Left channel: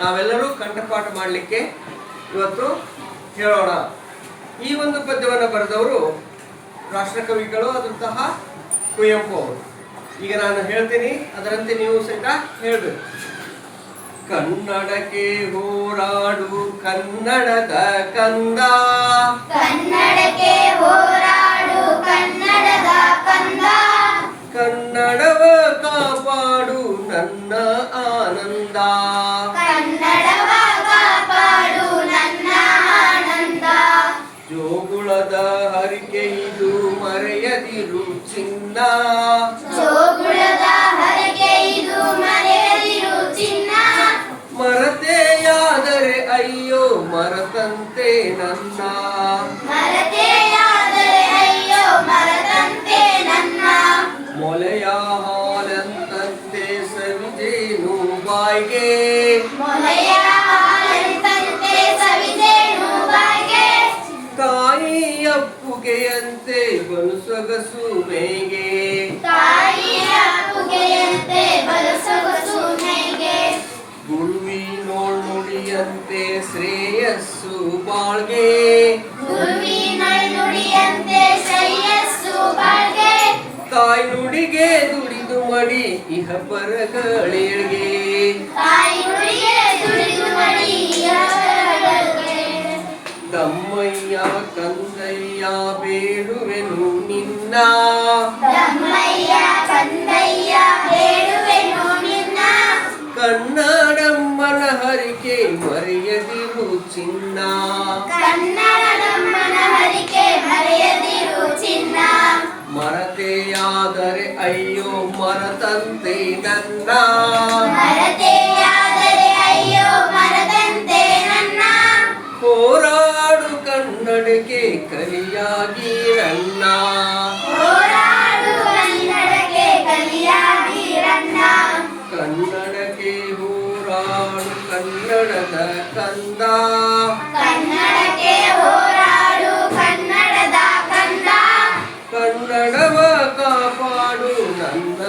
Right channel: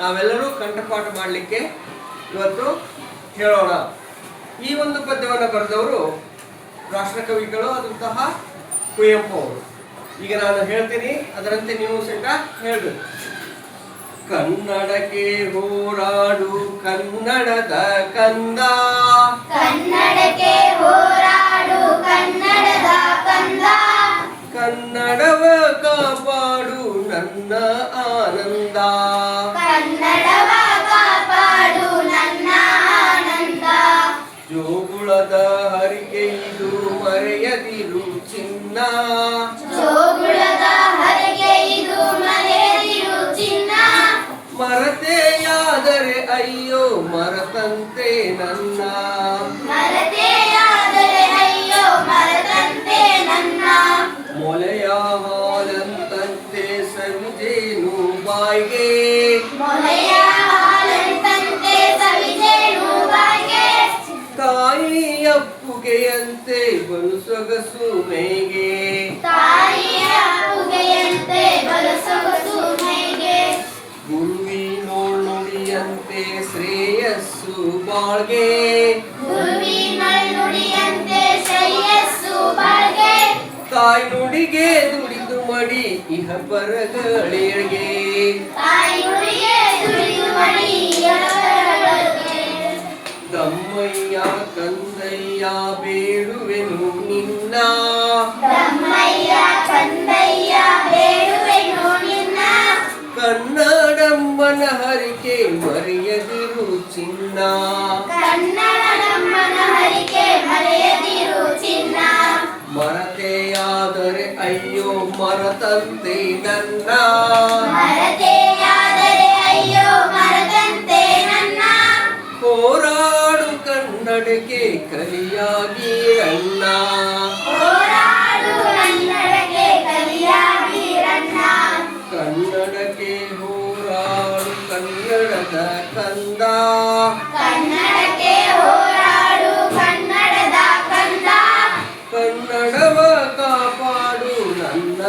ನಾವೆಲ್ಲರೂ ಕಂಠಪಾಠ ಮಾಡಲಿಕ್ಕೆ ಇವತ್ತು ಹೇಳೋಣ. ಈ ಒಂದು ಪದ್ಯವನ್ನು ಬರೆದವರು ರಾಷ್ಟ್ರಕವಿಗಳು ಆದಂತಹ ಕುವೆಂಪು ಅವರು. ಈಗ ನಾನು ಹೇಳ್ತೀನಿ, ಅದರಂತೆ ನೀವು ಸಹಿತ ಹೇಳಬೇಕು. ಕನ್ನಡಕ್ಕೆ ಹೋರಾಡು ಕನ್ನಡದ ಕಂದ, ಕನ್ನಡಕ್ಕೆ ಹೋರಾಡು ಕನ್ನಡದ ಕಂದ, ಕನ್ನಡವ ಕಾಪಾಡು ನನ್ನ ಆನಂದ, ಕನ್ನಡವ ಕಾಪಾಡು ನನ್ನ ಆನಂದ. ಜೋಗುಳದ ಹರಿಕೆ ಇದು ಮರೆಯದಿರು ಚಿನ್ನ, ಜೋಗುಳದ ಹರಕೆ ಇದು ಮರೆಯದಿರು ಚಿನ್ನ, ಮರತೆಯಾದರೆ ಅಯ್ಯೋ ಮರತಂತೆ ನನ್ನ, ಮರತೆಯಾದರೆ ಅಯ್ಯೋ ಮರದಂತೆ ನನ್ನ. ಮೊಲೆಯ ಹಾಲಂತಂತೆ ಸವಿಜೇನು ಬಾಯ್ಗೆ, ಮೊಲೆಯ ಹಾಲಂತಂತೆ ಸವಿಜೇನು ಬಾಯಿಗೆ, ತಾಯಿಯ ಅಪ್ಪುಗೆಯಂತೆ ಬಲು ಸೊಗಸು ಮೇಗೆ, ತಾಯಿಯ ಅಪ್ಪುಗೆಯಂತೆ ಬಲು ಸೊಗಸು ಮೈಗೆ, ಗುರುವಿನೋಳ್ ನುಡಿಯಂತೆ ಶ್ರೇಯಸ್ಸು ಬಾಳ್ಗೆ, ಗುರುವಿನೊಳ್ ನುಡಿಯಂತೆ ಶ್ರೇಯಸ್ಸು ಬಾಳ್ಗೆ, ತಾಯಿ ನುಡಿಗೆ ದುಡಿದು ಮಡಿ ಇಹ ಪರಗಳೇಳ್ಗೆ, ತಾಯಿ ನುಡಿಗೆ ದುಡಿದು ಮಡಿಯೊಳಗೆ. ತಮ್ಮಯ್ಯ ಕಂದಯ್ಯ ಬೇಡುವೆನು ನಿನ್ನ, ತಮ್ಮಯ್ಯ ಕಂದಯ್ಯ ಬೇಡುವೆನು ನಿನ್ನ, ಕನ್ನಡಮ್ಮನ ಹರಿಕೆ ಮರೆಯದಿರು ಚಿನ್ನ, ಕನ್ನಡಮ್ಮನ ಹರಿಕೆ ಮರೆಯದಿರು ಚಿನ್ನ, ಮರತೆಯಾದರೆ ಅಯ್ಯೋ ಮರತಂತೆ ನನ್ನ, ಮರತೆಯಾದರೆ ಅಯ್ಯೋ ಮರದಂತೆ ನನ್ನ. ಹೋರಾಡು ಕನ್ನಡಕ್ಕೆ ಕಲಿಯಾಗಿರಣ್ಣ, ಹೋರಾಡು ಕನ್ನಡಕ್ಕೆ ಕಲಿಯಾಗಿರಣ್ಣ, ಕನ್ನಡಕ್ಕೆ ಹೋರಾಡು ಕನ್ನಡದ ಕಂದ, ಕನ್ನಡಕ್ಕೆ ಹೋರಾಡು ಕನ್ನಡದ ಕಂದ, ಕನ್ನಡವ ಕಾಪಾಡು ನನ್ನ